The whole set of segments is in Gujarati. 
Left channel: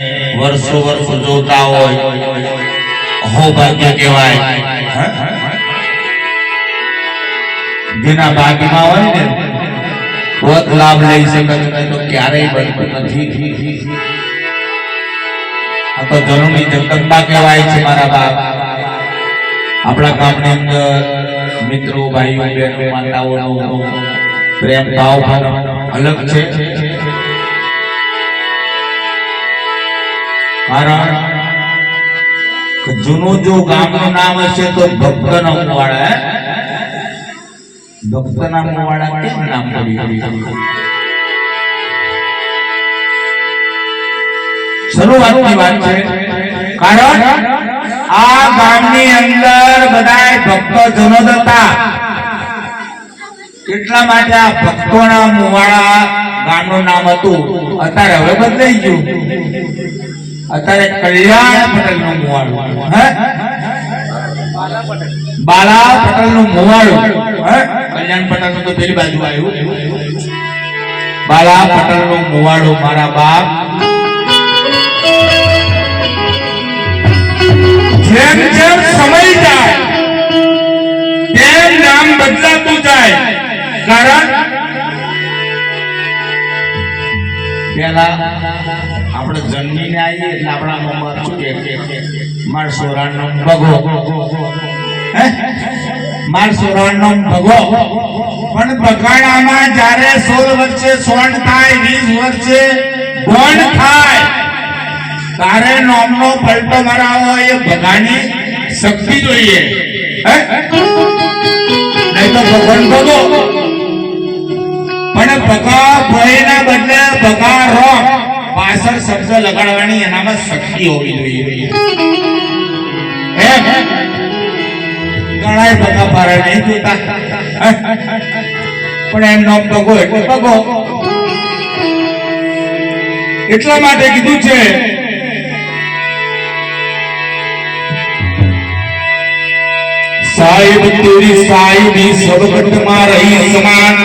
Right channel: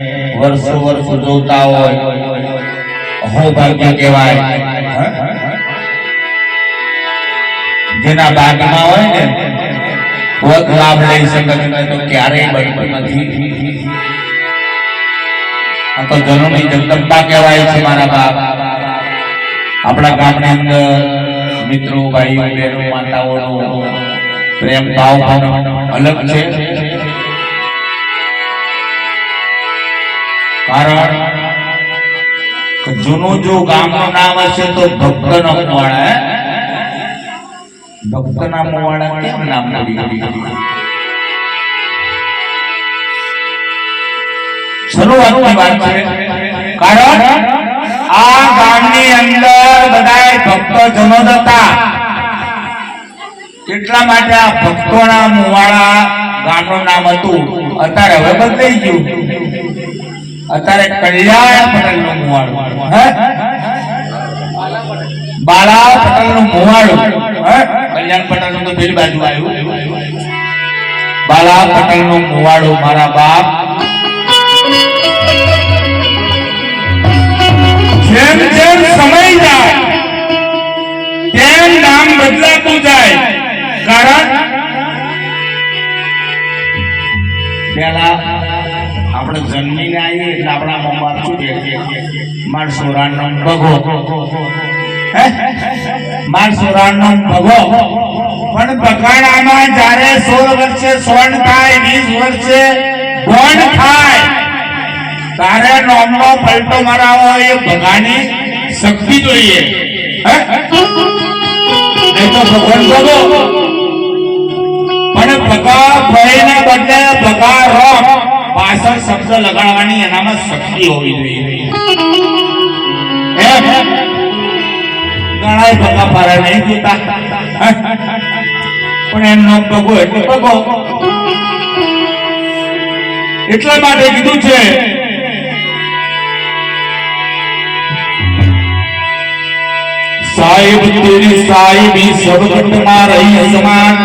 વર્ષો વર્ષો જોતા હોય અહોભાગ્ય કહેવાય। જેના ભાગમાં હોય ને પદ લાભ લઈ શકે તો ક્યારેય બનતું નથી। આ તો જનની જગદંબા કહેવાય છે મારા બાપ। આપણા ગામની અંદર મિત્રો ભાઈઓ બહેનો માતાઓનો પ્રેમ ભાવ અલગ છે। કારણ જૂનું જો ગામનું નામ હશે તો ભક્તના મુવાડા। ભક્તના મુવાડા કેમ નામ પડ્યું? શરૂઆતની વાત છે। કારણ આ ગામની અંદર બધા ભક્તજનો હતા। એટલા માટે આ ભક્તોના મુવાડા ગામનું નામ હતું। અત્યારે હવે બદલાઈ ગયું। અત્યારે કલ્યાણ પટેલ નું મુવાડું, બાલા પટેલ નું મુવાડું। કલ્યાણ પટેલ નું તો પેલી બાજુ આવ્યું। બાલા પટેલ નું મુવાડું મારા બાપ। જેમ જેમ સમય જાય તેમ નામ બદલાતું જાય। કારણ પેલા આપણે જન્મીને આવીએ એટલે આપણા મા બાપ શું કે માર સોરાનો ભગો, માર સોરાનો ભગો। પણ બગાડામાં જ્યારે 16 વર્ષે સોણ થાય, 20 વર્ષે ગોણ થાય તારે નામનો પલટો મરાવો એ ભગાની શક્તિ જોઈએ। નહીં તો ભગવાન ભગો પણ ભગા ભયના બદલે ભગા રમ પાછળ શબ્દ લગાડવાની એનામાં શક્તિ હોવી જોઈએ। ઘણા ભગા ફરા નહીં જોતા પણ એમનો ભગો એટલે ભગો। એટલા માટે કીધું છે સાહિબ તેરી સાહિબી સબકટમાં રહી સમાન।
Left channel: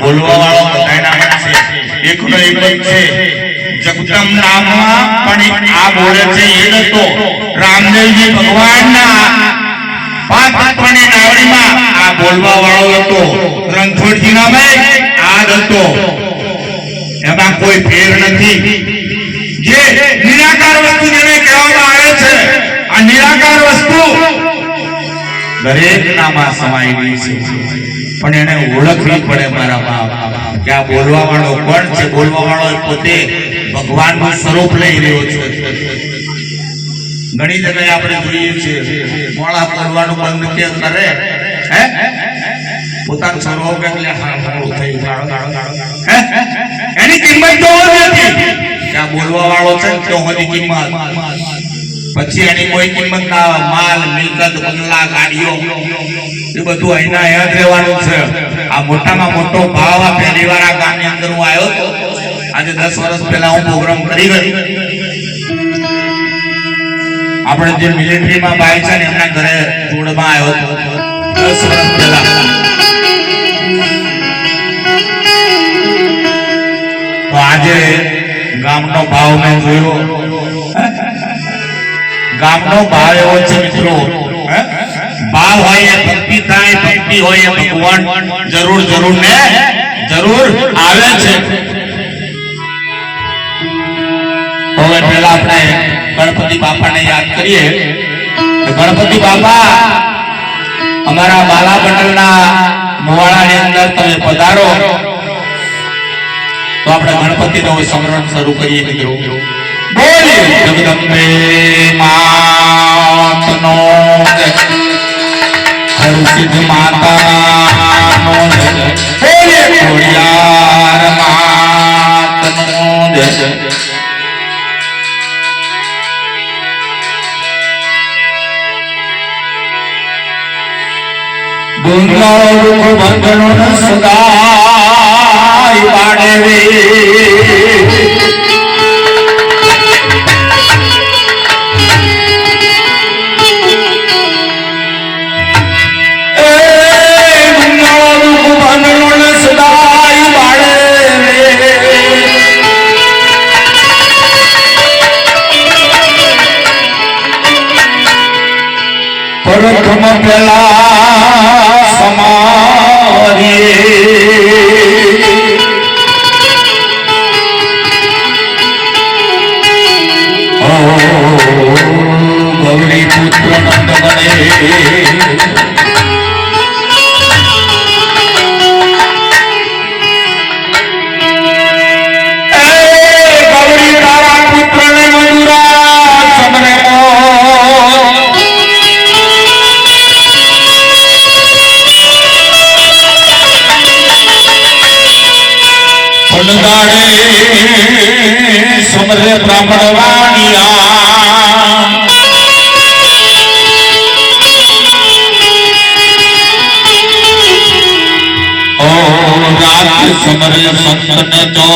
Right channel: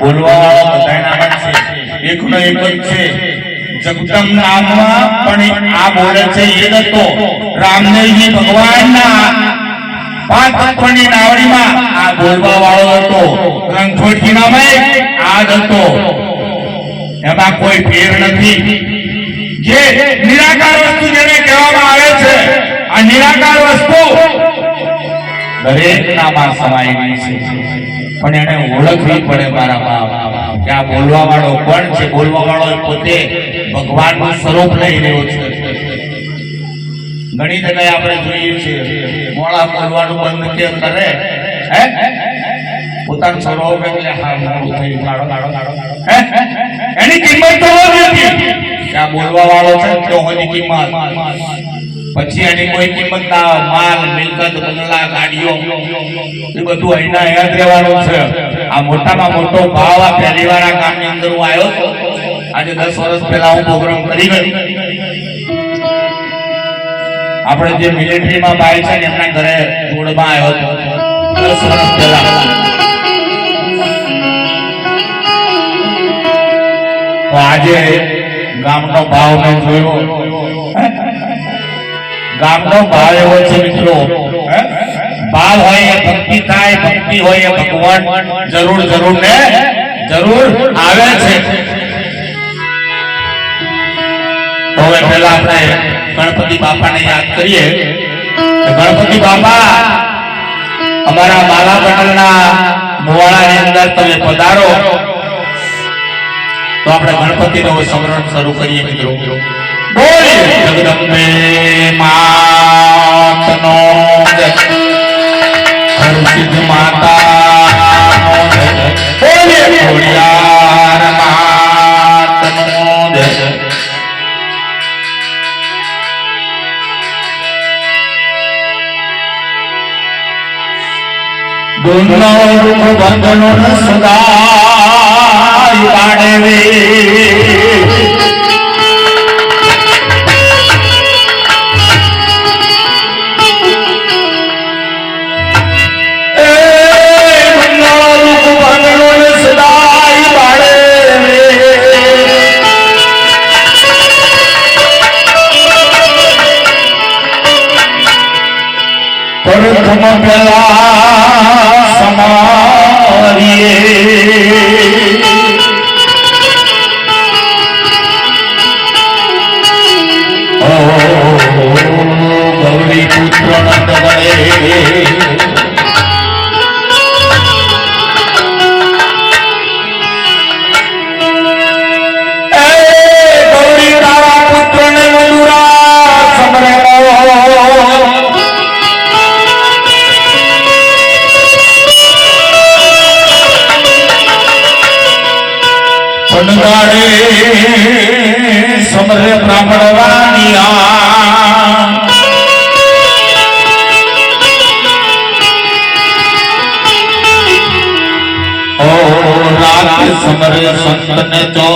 બોલવા એકનો એક જ છે જગદમ નામમાં પણ આ બોલે છે એ નતો રામદેવજી ભગવાનના પાતપણી નાવડીમાં આ બોલવા વાળો હતો। રણછોડજી નામે આ હતો। એમાં કોઈ ફેર નથી। જે નિરાકાર વસ્તુ જેને કહેવામાં આવે છે આ નિરાકાર વસ્તુ દરેક નામાં સમાયેલી છે પણ એને ઓળખવી પડે મારા બાપ કે આ બોલવા વાળો કોણ છે। બોલવા વાળો પોતે ભગવાનનું સ્વરૂપ લઈ રહ્યો છે। ઘણી જગ્યાએ આપણે જોઈએ છીએ મોળા બોલવાનું બંધ કેમ કરે પોતાનું સ્વભાવ કે મોડું થઈ એની કિંમત તો નથી કે આ બોલવા વાળો છે તો એની કિંમત પછી એની કોઈ કિંમત ના આવે। માલ મિલકત બંગલા ગાડીઓ એ બધું અહીંના અહીંયા જ રહેવાનું છે। આ મોટામાં મોટો ભાવ આ પહેલી વાર આ ગામની અંદર હું આવ્યો હતો। આજે 10 વર્ષ પહેલા હું પ્રોગ્રામ કરી ગયો। આપણે જે મિલિટરીમાં ભાઈ છે એમના ઘરે જોડમાં આવ્યો હતો 10 વર્ષ પહેલા। તો આજે ગામનો ભાવ મેં જોયો। ગામનો ભાવ એવો છે મિત્રો ભાવ હોય એ ભક્તિ થાય, ભક્તિ હોય એ ભગવાન જરૂર ને જરૂર આવે છે। હવે પહેલા આપણે ગણપતિ બાપાને યાદ કરીએ કે ગણપતિ બાપા અમારા બાલા પટેલના મુવાડાની અંદર તમે પધારો તો આપણે ગણપતિનો સમરણ શરૂ કરીએ મિત્રો। બોલીએ જગદંબે માતનો જય, હરસિદ્ધ માતાનો જય, બોલીએ ખોડિયાર માતનો જય। ડુંગર બંગલો સદાય બાડે રે સદાય બાડે રે પ્રથમ પેલા સમારીએ ગૌરી પુત્ર નંદ ગણે સમર બ્રાહ્મણ વાણિયા ઓ રાત સમર સંતન તો